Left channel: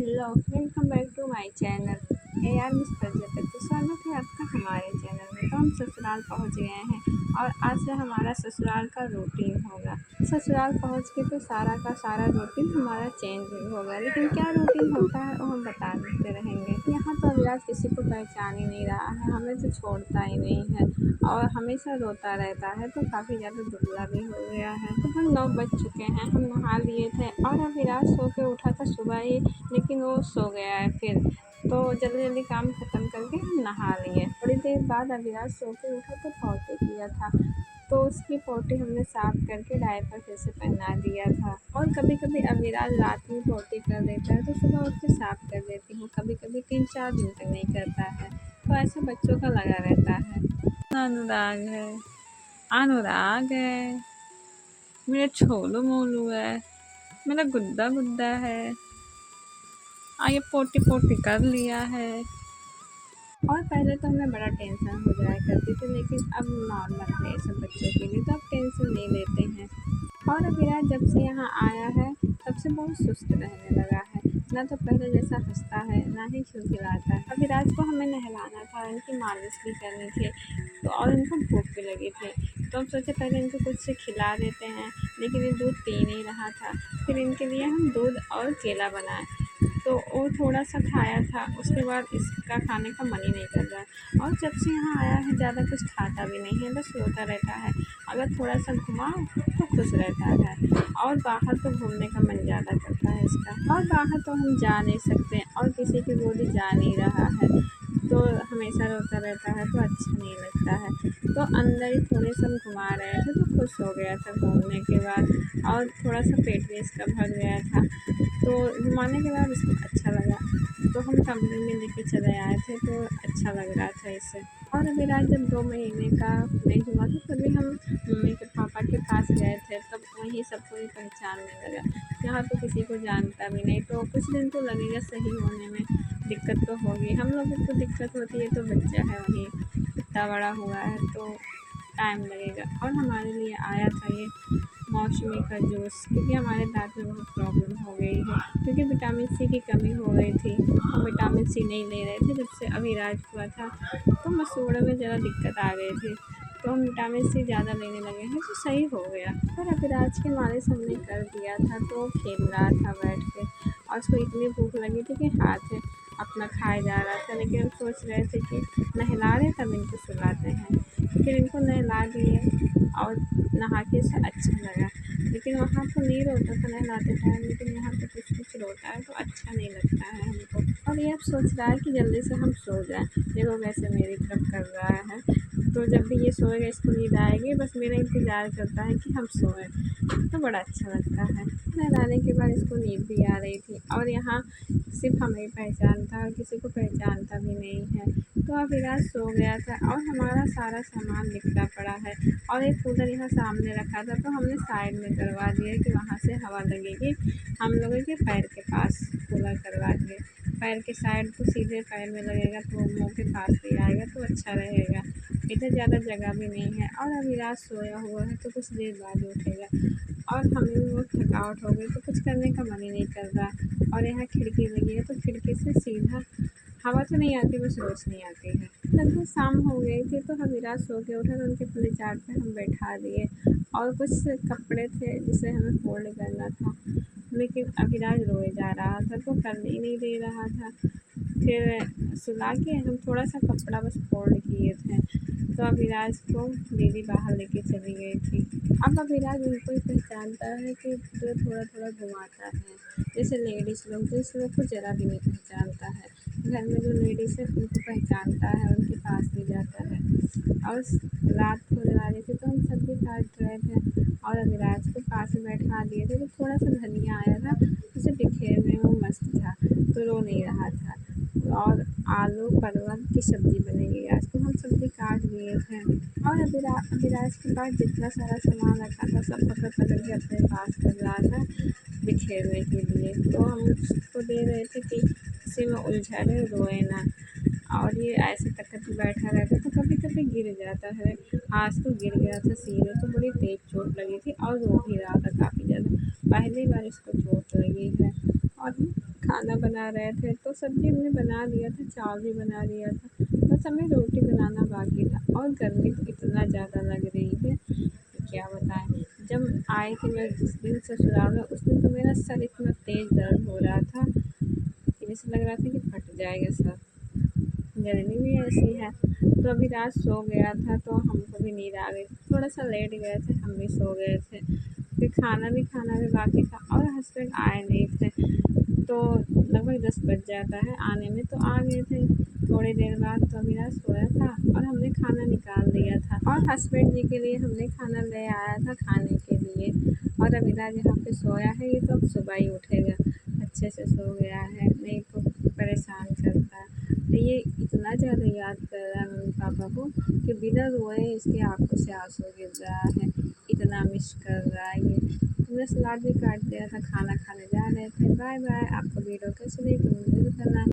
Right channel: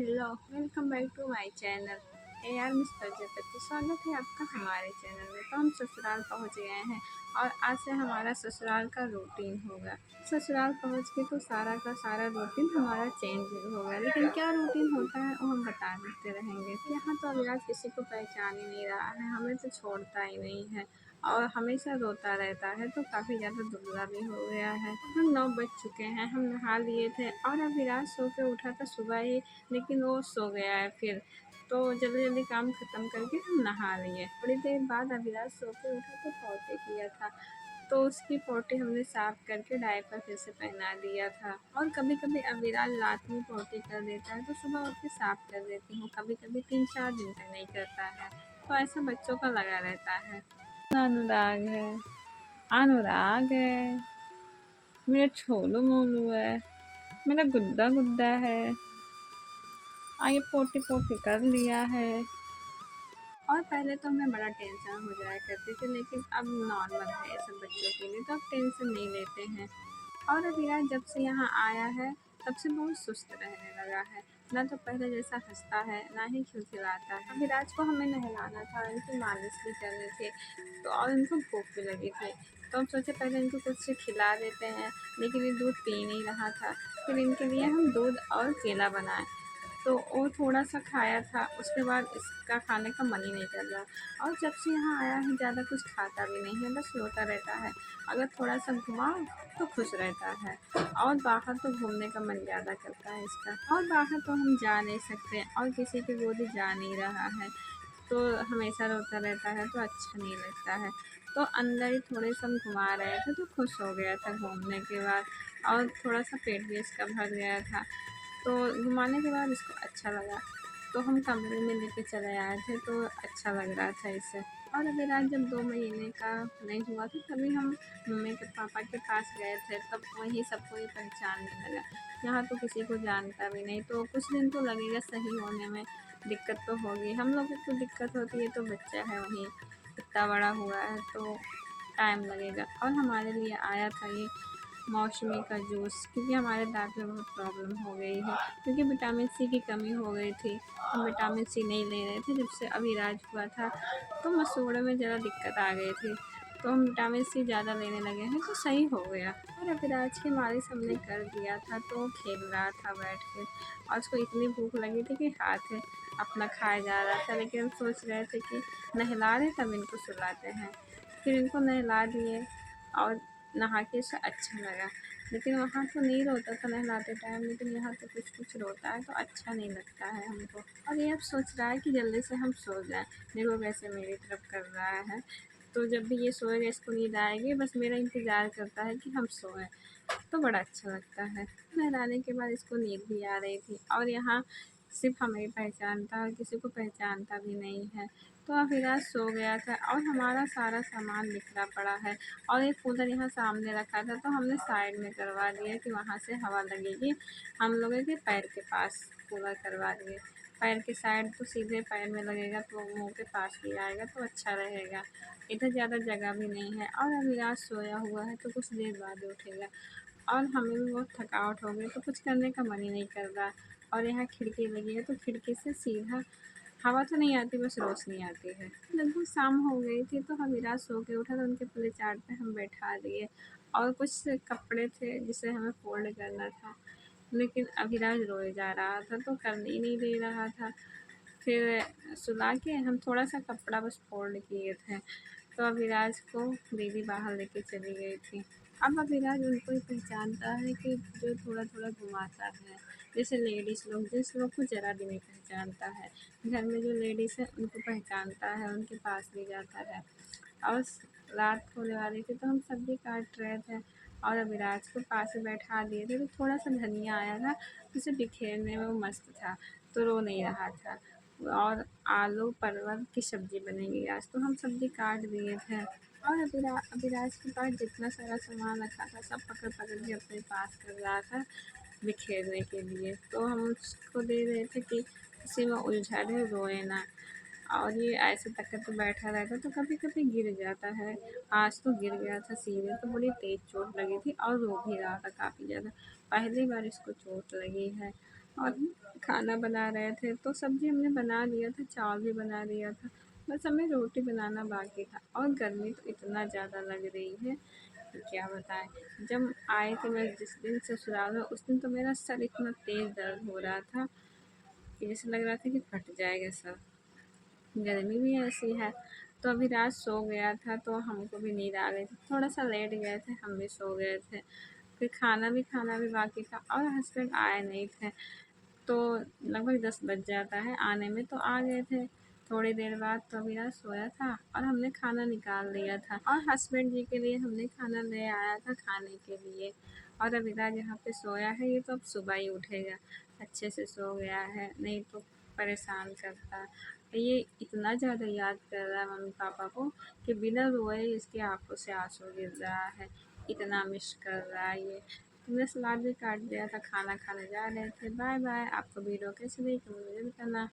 Hello, welcome back to my channel. यार miss Prajapati, स्वागत है आपका हमारे चैनल में। तो हम ससुराल पहुंच गए हैं और आज से हमारा ससुराल का रूटीन होगा। ससुराल पहुंच के तो सारा का सारा रूटीन हमारा चेंज होगा, लेकिन क्या रूटीन होता है वो हम बता देते रहेंगे। यहाँ तो अविराज किसी को पहचान ही नहीं रहा है, हमें तो छोड़ता ही नहीं है और हमेशा रोता रहता है, तो काफ़ी ज़्यादा दुबला भी हो गया है। तो हम 9 बज चुके हैं, हम नहा लिए थे और अविराज सो के उठा था सुबह ही, लेकिन वो सो गया है फिर। तो जल्दी जल्दी काम ख़त्म करके हम नहा लिए। थोड़ी देर बाद अविराज सो के उठा तो पॉटी किया था, तो उसकी पॉटी हमने साफ़ करके डायपर फिर से पहना दिया था। और कभी कभी अविराज रात में पॉटी कर देता है तो सुबह उठ के साफ़ कर देती हूँ, कभी कभी 3-4 दिन तक नहीं करता है। तो ऐसा बच्चों का लगा रहता है। अनुराग है, अनुराग है, मेरा छोलू मोलू है, मेरा गुड्डा गुड्डा है। ये पोटी पोटी कर लिया है। और पहले तो हमें बड़ा टेंशन हो जाया करती थी, लेकिन अब नॉर्मल है ये सब बच्चों के लिए, तो अब टेंशन नहीं लेते हैं। और अविराज जब से यहाँ आया है तब से बहुत सुस्त रहने लगा है, ना तो पहले जैसा हंसता है ना ही खिलखिलाता है। अविराज को हमें नहलाना था, इनकी मालिश भी करनी थी, तो और इनको भूख भी लगी थी। तो हम सोचे पहले इनको कुछ से खिला देते हैं, लेकिन ये दूध पी नहीं रहा था। फिर इनके लिए हम दूध और केला बनाए, तो वो थोड़ा सा खाया था, उसके बाद इसका खाने का मन ही नहीं कर रहा। और जब से यहाँ आया है ज़्यादा कुछ खाता भी नहीं है, बस रोता रहता है। अगर थोड़ा सा घुमाओ तो खुश रहता है, और बाहर तो घूमने का मन ज़्यादा करता है इसका। और बाहर तो हम जा नहीं सकते और किसी की गोदी जा नहीं रहा है, तो हमेशा रोता रहता है, तो अच्छा नहीं लगता है। तो अंदर ही थोड़े से हम घुमा रहे थे तो खुश हो गया था घूमने के बाद, और थोड़ा सा पेट भी इसका भर गया था। तो घुमाने के बाद इसको अच्छा लगा, तो हम कमरे में लेके चले आए थे, तो अच्छा लग रहा था इसे। और अविराज जब 2 महीने का नहीं हुआ था तभी हम मम्मी के पापा के पास गए थे, तब वहीं सबको ये पहचानने लगा। यहाँ तो किसी को जानता भी नहीं, तो कुछ दिन तो लगेगा सही होने में, दिक्कत तो होगी। हम लोगों को दिक्कत होती है, तो बच्चा है वहीं इतना बड़ा हुआ है तो टाइम लगेगा। और हमारे लिए आया था ये मौसमी का जूस, क्योंकि हमारे दाँत में बहुत प्रॉब्लम हो गई है, क्योंकि विटामिन सी की कमी हो गई थी। हम विटामिन सी नहीं ले रहे थे जब से अविराज हुआ था, तो मसूड़े में ज़रा दिक्कत आ गई थी, तो हम विटामिन सी ज़्यादा लेने लगे हैं, तो सही हो गया। और अविराज की मालिश हमने कर दिया था, तो वो खेल रहा था बैठ के, और उसको इतनी भूख लगी थी कि हाथ अपना खाए जा रहा था। लेकिन हम सोच रहे थे कि नहला रहे तब इनको सुलाते हैं, फिर इनको नहला दिए और नहा के उसे अच्छा लगा। लेकिन वहाँ तो नहीं रोता था नहलाते टाइम, लेकिन यहाँ तो कुछ कुछ रोता है, तो अच्छा नहीं लगता है हमको। और ये अब सोच रहा है कि जल्दी से हम सो जाएं, देखो कैसे मेरी तरफ कर रहा है। तो जब भी ये सोएगा इसको नींद आएगी, बस मेरा इंतज़ार करता है कि हम सोएं, तो बड़ा अच्छा लगता है। नहलाने के बाद इसको नींद भी आ रही थी, और यहाँ सिर्फ हमें ही पहचानता है, किसी को पहचानता भी नहीं है। तो अविराज सो गया था और हमारा सारा सामान बिखरा पड़ा है, और एक कूलर यहाँ सामने रखा था, तो हमने साइड में करवा दिया कि वहाँ से हवा लगेगी। हम लोगों के पैर के पास कूलर करवा दिए, पैर के साइड तो सीधे पैर में लगेगा, तो मुँह के पास भी आएगा, तो अच्छा रहेगा। इधर ज़्यादा जगह भी नहीं है, और अविराज सोया हुआ है तो कुछ देर बाद उठेगा, और हमें भी बहुत थकावट हो गई, तो कुछ करने का मन ही नहीं कर रहा। और यहाँ खिड़की लगी है, तो खिड़की से सीधा हवा तो नहीं आती, बस रोशनी आती है। लगभग शाम हो गई थी, तो अविराज सो के उठा, तो उनके पल्ले चाट पे हम बैठा दिए, और कुछ कपड़े थे जिसे हमें फ़ोल्ड करना था, लेकिन अविराज रोए जा रहा था, तो करने ही नहीं दे रहा था। फिर सुला के हम थोड़ा सा कपड़ा बस फ़ोल्ड किए थे, तो अविराज को दीदी बाहर लेके चली गई थी। अब अविराज उनको ही पहचानता है कि जो थोड़ा थोड़ा घुमाता है, जैसे लेडीज़ लोग, जिस लोग को ज़रा भी नहीं पहचानता है, घर में जो लेडीज़ है उनको पहचानता है, उनके पास भी जाता है। और रात होने वाली थी, तो हम सब्ज़ी काट रहे थे और अविराज को पास में बैठा दिए थे, तो थोड़ा सा धनिया आया था, उसे बिखेरने में वो मस्त था, तो रो नहीं रहा था। और आलू परवल की सब्ज़ी बनेगी आज, तो हम सब्ज़ी काट दिए थे। और अविराज के पास जितना सारा सामान रखा था सब पकड़ पकड़ के अपने पास कर रहा था बिखेरने के लिए, तो हम उसको दे रहे थे कि इसी में उलझा रहे, रोए ना। और ये ऐसे तकिए पे बैठा रहता तो कभी कभी गिर जाता है। आज तो गिर गया था सीधे, तो बड़ी तेज चोट लगी थी और रो भी रहा था काफ़ी ज़्यादा। पहली बार इसको चोट लगी है। और खाना बना रहे थे तो सब्ज़ी हमने बना लिया था, चावल भी बना लिया था, बस हमें रोटी बनाना बाकी था। और गर्मी तो इतना ज़्यादा लग रही है कि क्या बताएं। जब आए थे मैं जिस दिन ससुराल में, उस दिन तो मेरा सर इतना तेज़ दर्द हो रहा था कि जैसे लग रहा था कि फट जाएगा सर। गर्मी भी ऐसी है। तो अभी रात सो गया था तो हमको भी नींद आ गई थी, थोड़ा सा लेट गए थे, हम भी सो गए थे। फिर खाना भी बाकी था और हस्बैंड आए नहीं थे। तो लगभग 10 बज जाता है आने में, तो आ गए थे थोड़ी देर बाद। तो अविनाश सोया था और हमने खाना निकाल दिया था और हस्बैंड जी के लिए हमने खाना ले आया था खाने के लिए। और अविनाश जहाँ पे सोया है ये तो अब सुबह ही उठेगा, अच्छे से सो गया है, नहीं तो परेशान करता है। तो ये इतना ज़्यादा याद कर रहा है मम्मी पापा को कि बिना रोए इसकी आंखों से आंसू गिर रहा है, इतना मिस कर रहा है ये। हमने सलाद भी काट दिया था, खाना खाने जा रहे थे। Bye bye. आपको वीडियो कैसी लगी मुझे बताना।